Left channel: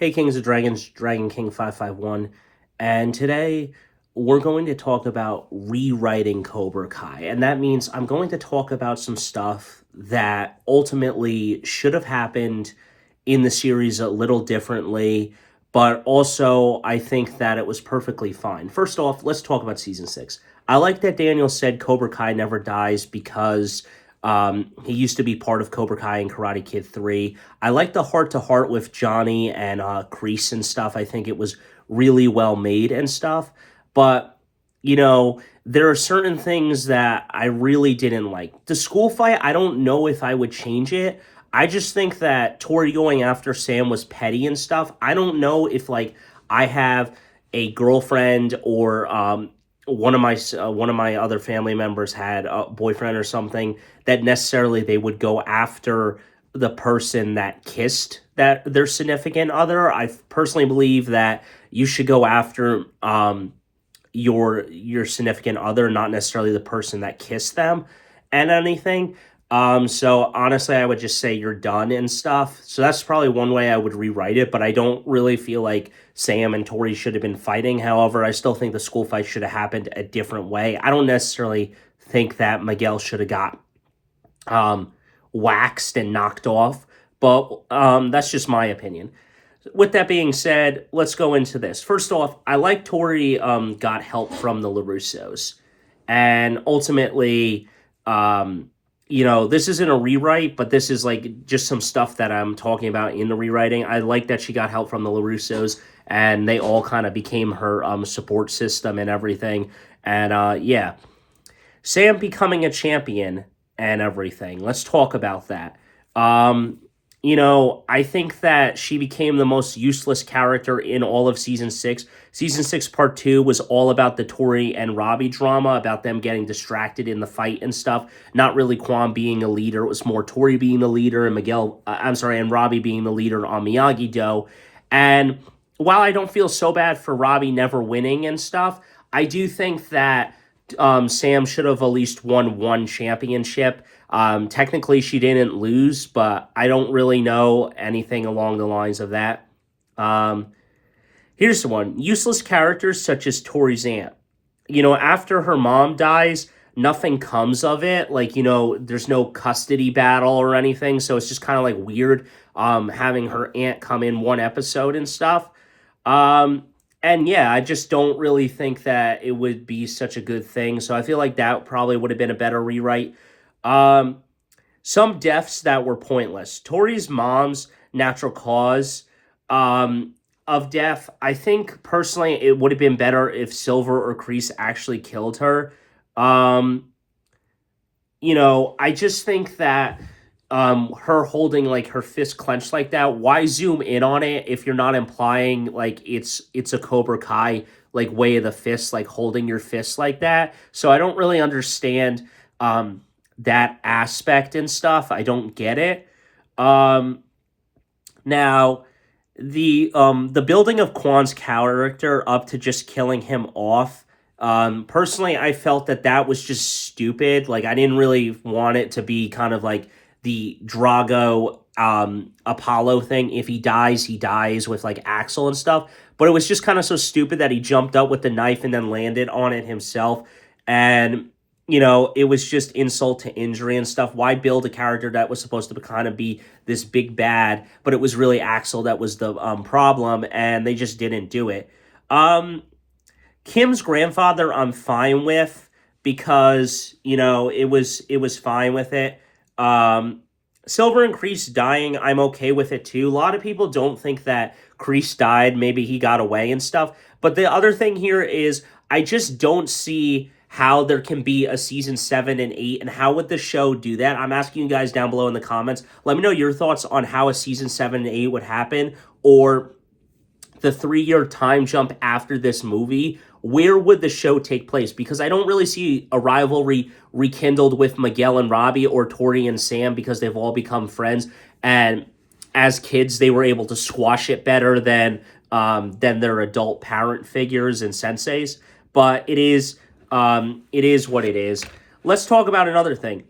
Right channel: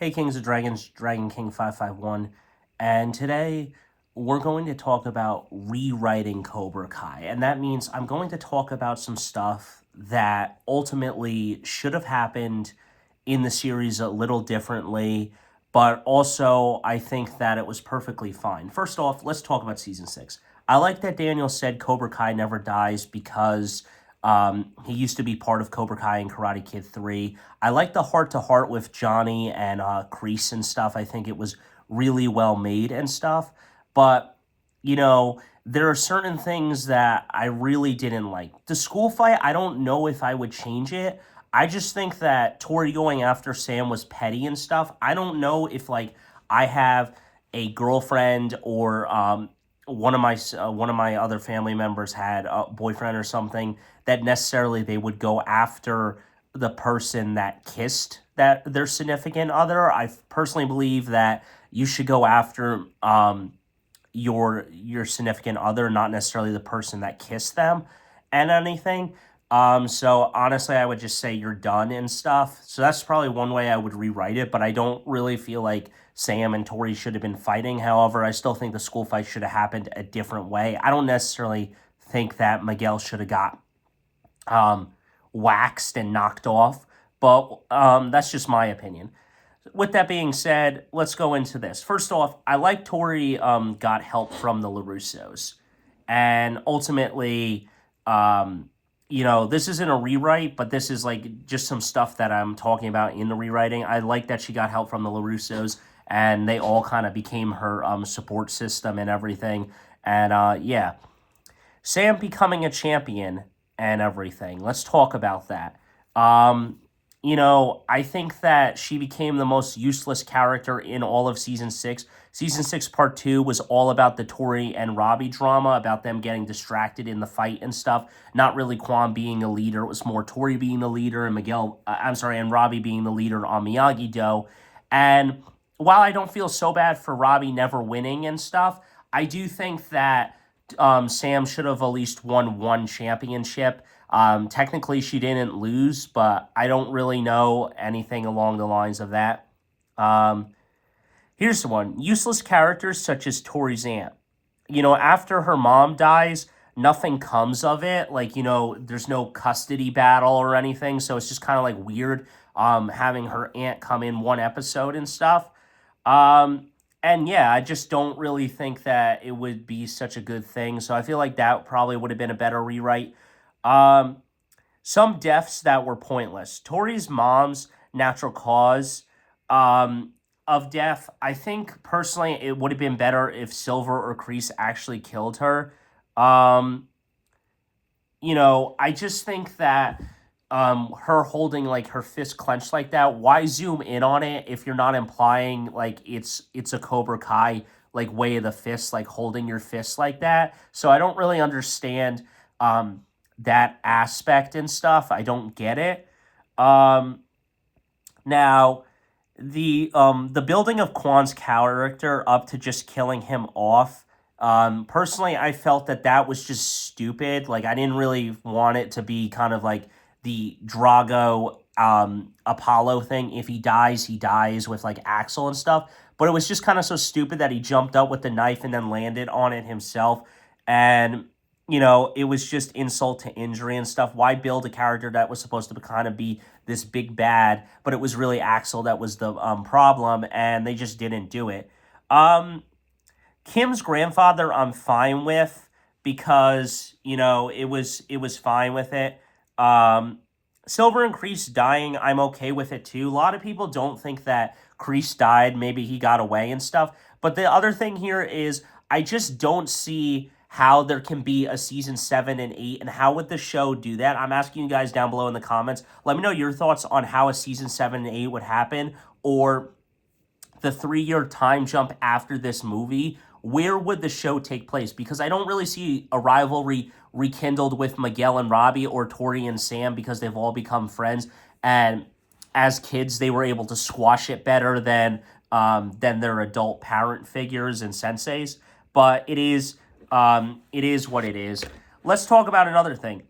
Hey Kings of Dragons, Dragon King 551, and today we're going to talk about rewriting Cobra Kai. And that means I'm going to talk about some stuff that ultimately should have happened in the series a little differently, but also I think that it was perfectly fine. First off, let's talk about season 6. I like that Daniel said Cobra Kai never dies because he used to be part of Cobra Kai and Karate Kid 3. I like the heart to heart with Johnny and Kreese and stuff. I think it was really well made and stuff. But, there are certain things that I really didn't like. The school fight, I don't know if I would change it. I just think that Tori going after Sam was petty and stuff. I don't know if, I have a girlfriend or one of my other family members had a boyfriend or something that necessarily they would go after the person that kissed that their significant other. I personally believe that you should go after your significant other, not necessarily the person that kissed them and anything. So honestly, I would just say you're done and stuff. So that's probably one way I would rewrite it, but I don't really feel like Sam and Tori should have been fighting. However, I still think the school fight should have happened a different way. I don't necessarily think that Miguel should have got um, waxed and knocked off, but that's just my opinion. With that being said, let's go into this. First off, I like Tori got help from the LaRussos. And ultimately, this isn't a rewrite, but this is like just some stuff that I'm talking about in the rewriting. I like that she got help from the LaRussos and they all kind of became her support system and everything. And yeah, Sam becoming a champion and everything. Let's talk about that. Um, I think that she became the most useless character in all of season 6. Season 6 part 2 was all about the Tori and Robbie drama, about them getting distracted in the fight and stuff. Not really Kwon being a leader. It was more Tori being the leader and and Robbie being the leader on Miyagi-Do. And while I don't feel so bad for Robbie never winning and stuff, I do think that Sam should have at least won one championship. Technically, she didn't lose, but I don't really know anything along the lines of that. Um, Here's the one: useless characters such as Tori's aunt. After her mom dies, nothing comes of it. There's no custody battle or anything, so it's just kind of like weird having her aunt come in one episode and stuff. Um, and yeah, I just don't really think that it would be such a good thing. So I feel like that probably would have been a better rewrite. Um, some deaths that were pointless. Tori's mom's natural cause of death. I think personally it would have been better if Silver or Kreese actually killed her. Um, I just think that her holding like her fist clenched like that, why zoom in on it if you're not implying like it's a Cobra Kai like way of the fist, like holding your fist like that. So I don't really understand that aspect and stuff. I don't get it. Um Now the building of Kwan's character up to just killing him off. Personally, I felt that that was just stupid. Like I didn't really want it to be kind of like the Drago Apollo thing. If he dies with like Axel and stuff. But it was just kind of so stupid that he jumped up with the knife and then landed on it himself. And it was just insult to injury and stuff. Why build a character that was supposed to kind of be this big bad, but it was really Axel that was the problem, and they just didn't do it. Um, Kim's grandfather, I'm fine with because it was fine with it. Um, Silver and Kreese dying, I'm okay with it too. A lot of people don't think that Kreese died. Maybe he got away and stuff. But the other thing here is I just don't see how there can be a season 7 and 8 and how would the show do that. I'm asking you guys down below in the comments. Let me know your thoughts on how a season 7 and 8 would happen, or the 3-year time jump after this movie. Where would the show take place? Because I don't really see a rivalry rekindled with Miguel and Robbie or Tori and Sam because they've all become friends. And as kids, they were able to squash it better than their adult parent figures and senseis. But it is what it is. Let's talk about another thing.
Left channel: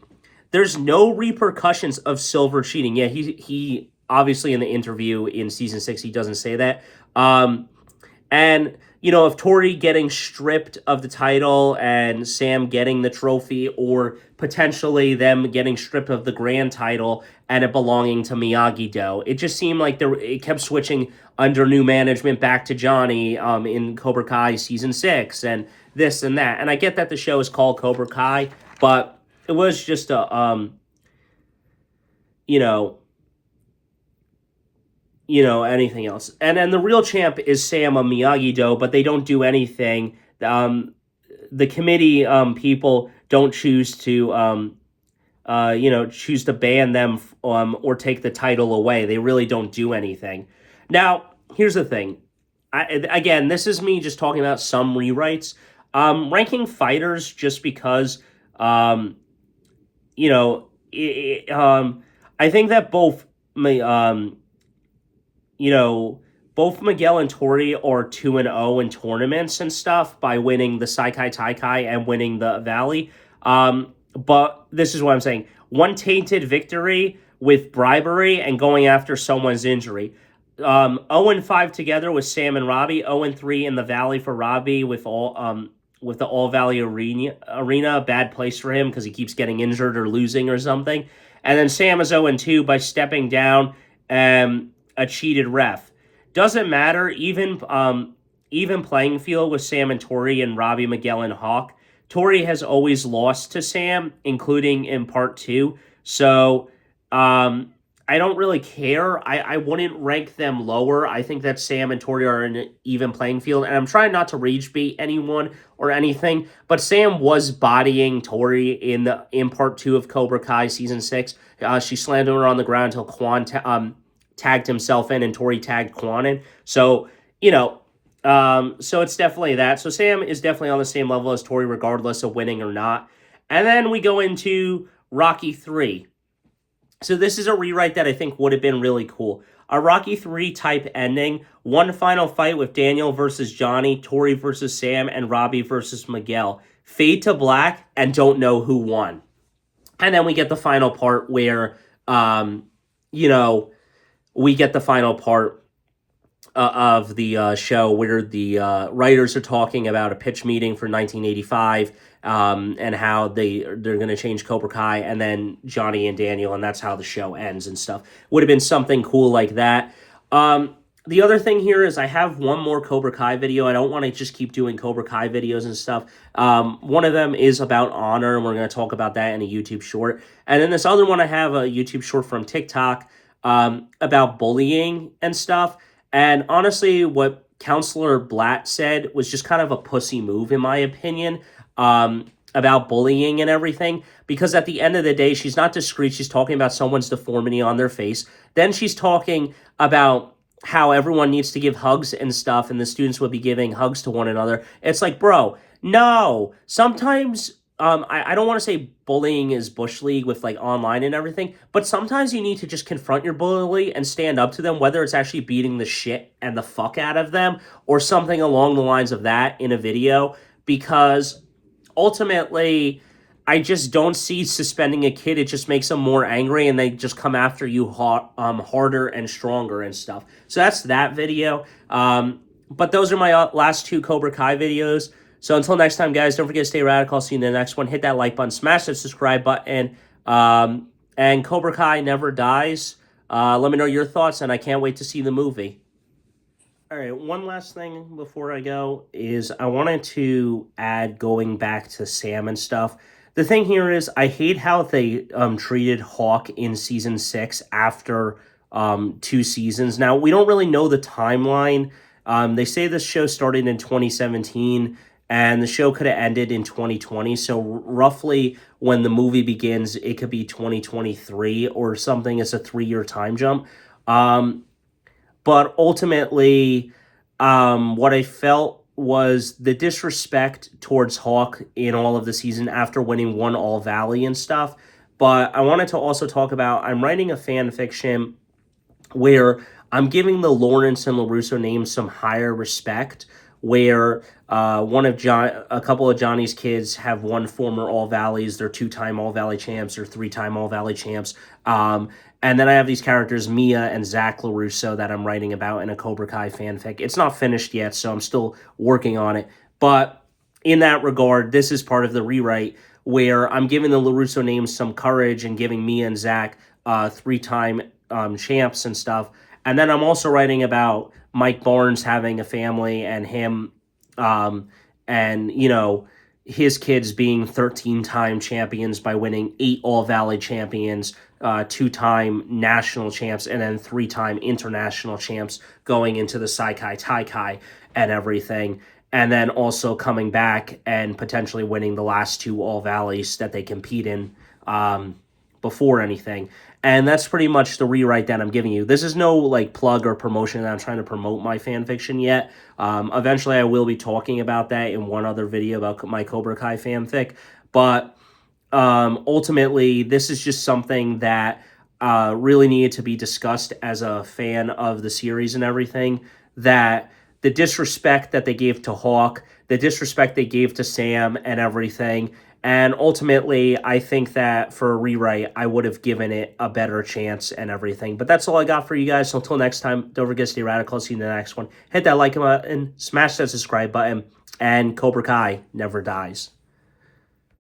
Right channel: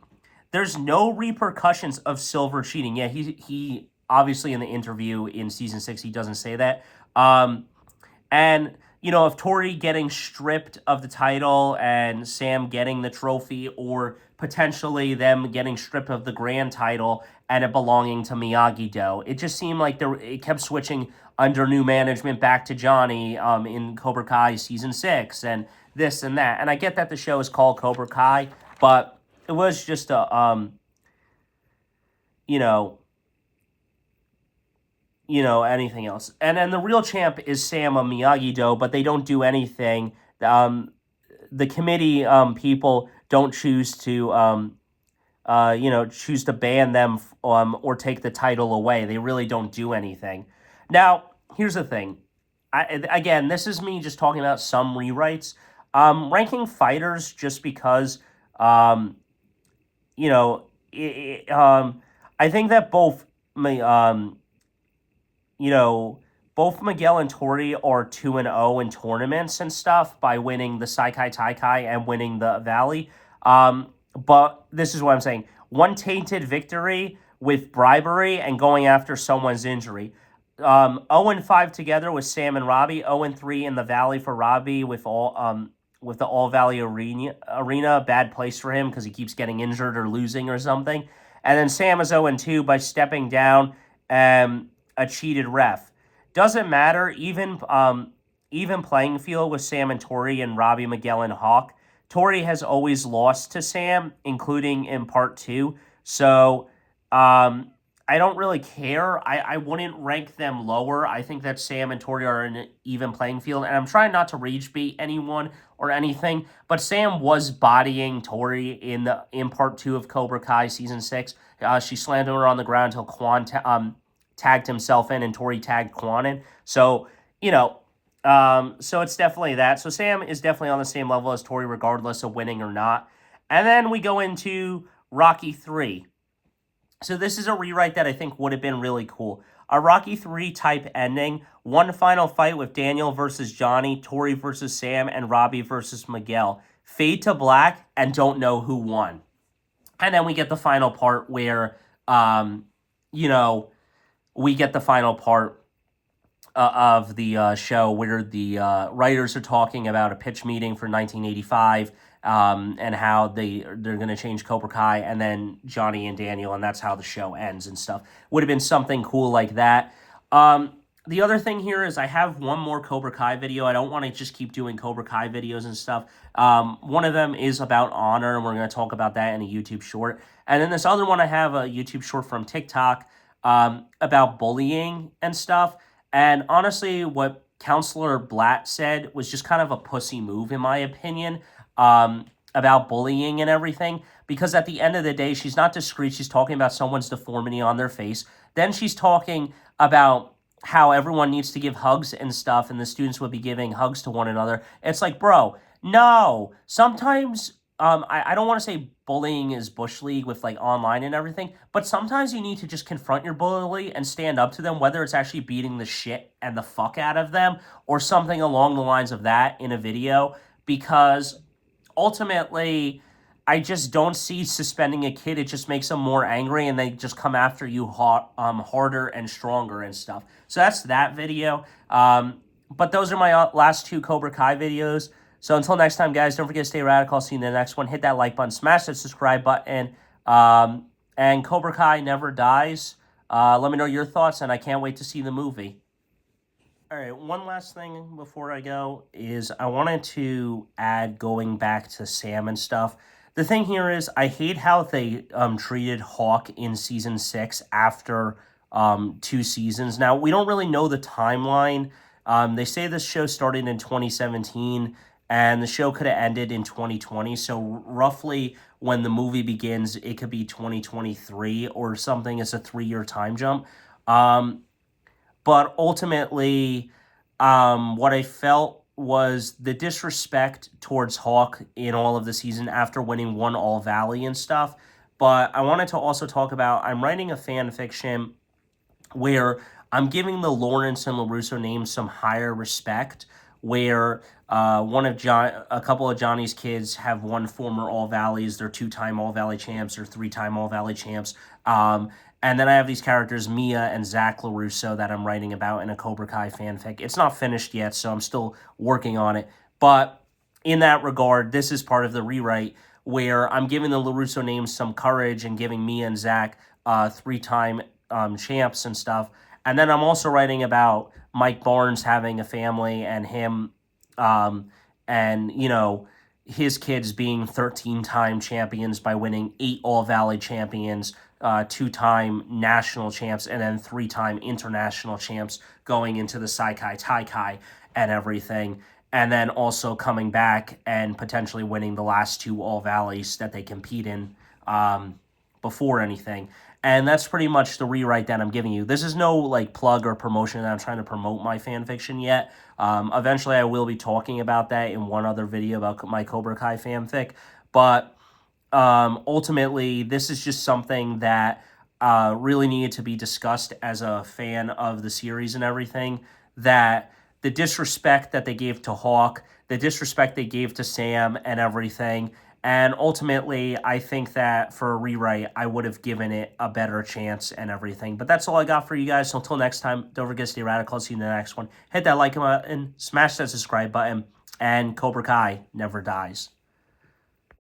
There's no repercussions of Silver cheating. Yeah, he obviously in the interview in season 6, he doesn't say that. And, if Tori getting stripped of the title and Sam getting the trophy, or potentially them getting stripped of the grand title and it belonging to Miyagi-Do, it just seemed like it kept switching under new management back to Johnny in Cobra Kai season 6 and this and that. And I get that the show is called Cobra Kai, but it was just a, you know, anything else. And then the real champ is Sam of Miyagi-Do, but they don't do anything. The committee people don't choose to, choose to ban them or take the title away. They really don't do anything. Now, here's the thing. Again, this is me just talking about some rewrites. Ranking fighters just because, you know, I think that both both Miguel and Tori are 2-0 in tournaments and stuff by winning the Saikai Taikai and winning the Valley. But this is what I'm saying. One tainted victory with bribery and going after someone's injury. 0-5 together with Sam and Robbie. 0-3 in the Valley for Robbie with the All Valley Arena. Bad place for him because he keeps getting injured or losing or something. And then Sam is 0-2 by stepping down a cheated ref. Doesn't matter. Even playing field with Sam and Tori and Robbie, Miguel, and Hawk. Tori has always lost to Sam, including in part 2. So I don't really care. I wouldn't rank them lower. I think that Sam and Tori are in an even playing field. And I'm trying not to rage bait anyone or anything. But Sam was bodying Tori in part 2 of Cobra Kai season 6. She slammed her on the ground until Quan tagged himself in and Tori tagged Quan in. So, so it's definitely that. So Sam is definitely on the same level as Tori regardless of winning or not. And then we go into Rocky 3. So this is a rewrite that I think would have been really cool. A Rocky 3 type ending. One final fight with Daniel versus Johnny, Tori versus Sam, and Robbie versus Miguel. Fade to black and don't know who won. And then we get the final part where, we get the final part of the show where the writers are talking about a pitch meeting for 1985 and how they're going to change Cobra Kai, and then Johnny and Daniel, and that's how the show ends and stuff. Would have been something cool like that. The other thing here is I have one more Cobra Kai video. I don't want to just keep doing Cobra Kai videos and stuff. One of them is about honor, and we're going to talk about that in a YouTube short. And then this other one, I have a YouTube short from TikTok about bullying and stuff. And honestly, what Counselor Blatt said was just kind of a pussy move, in my opinion, about bullying and everything. Because at the end of the day, she's not discreet. She's talking about someone's deformity on their face. Then she's talking about how everyone needs to give hugs and stuff, and the students would be giving hugs to one another. It's like, bro, no. Sometimes, I don't want to say bullying is Bush League with, like, online and everything, but sometimes you need to just confront your bully and stand up to them, whether it's actually beating the shit and the fuck out of them or something along the lines of that in a video, because ultimately, I just don't see suspending a kid. It just makes them more angry, and they just come after you harder and stronger and stuff. So that's that video. But those are my last 2 Cobra Kai videos. So until next time, guys, don't forget to stay radical. I'll see you in the next one. Hit that like button, smash that subscribe button, and Cobra Kai never dies. Let me know your thoughts, and I can't wait to see the movie. All right, one last thing before I go is I wanted to add, going back to Sam and stuff. The thing here is I hate how they treated Hawk in season 6 after 2 seasons. Now, we don't really know the timeline. They say this show started in 2017, and the show could have ended in 2020. So roughly when the movie begins, it could be 2023 or something. It's a 3-year time jump. But ultimately, what I felt was the disrespect towards Hawk in all of the season after winning 1 All Valley and stuff. But I wanted to also talk about, I'm writing a fan fiction where I'm giving the Lawrence and LaRusso names some higher respect, where a couple of Johnny's kids have won former All Valleys. They're 2-time All Valley champs or 3-time All Valley champs. And then I have these characters, Mia and Zach LaRusso, that I'm writing about in a Cobra Kai fanfic. It's not finished yet, so I'm still working on it. But in that regard, this is part of the rewrite where I'm giving the LaRusso names some courage and giving Mia and Zach three-time champs and stuff. And then I'm also writing about Mike Barnes having a family and him, and, you know, his kids being 13-time champions by winning 8 All-Valley champions, 2-time national champs, and then 3-time international champs going into the Saikai Taikai and everything. And then also coming back and potentially winning the last 2 All-Valleys that they compete in before anything. And that's pretty much the rewrite that I'm giving you. This is no like plug or promotion that I'm trying to promote my fan fiction yet. Eventually I will be talking about that in one other video about my Cobra Kai fanfic. But ultimately, this is just something that really needed to be discussed as a fan of the series and everything. That the disrespect that they gave to Hawk, the disrespect they gave to Sam and everything. And ultimately, I think that for a rewrite, I would have given it a better chance and everything. But that's all I got for you guys. So until next time, don't forget to stay radical. I'll see you in the next one. Hit that like button, smash that subscribe button, and Cobra Kai never dies.